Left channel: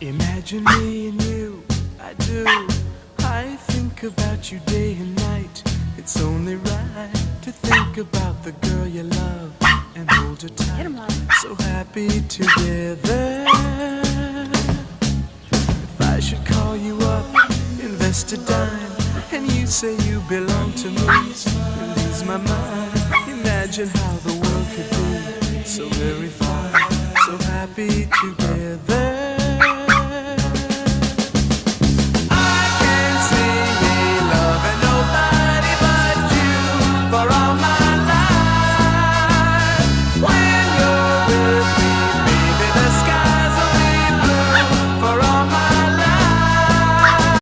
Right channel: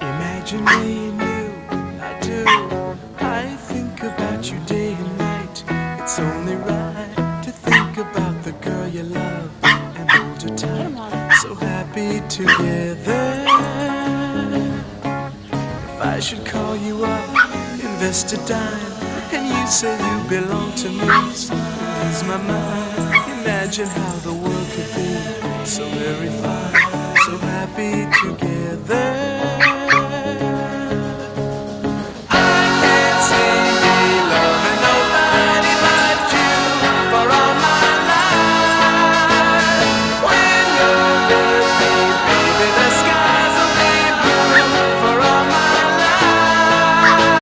Imagine me and you, I do. I think about you day and night. It's only right to think about the girl you love and hold her tight. So happy together. If I should call you up, invest a dime, and you say you belong to me, ease my mind. Imagine how the world could be so very fine, so happy together.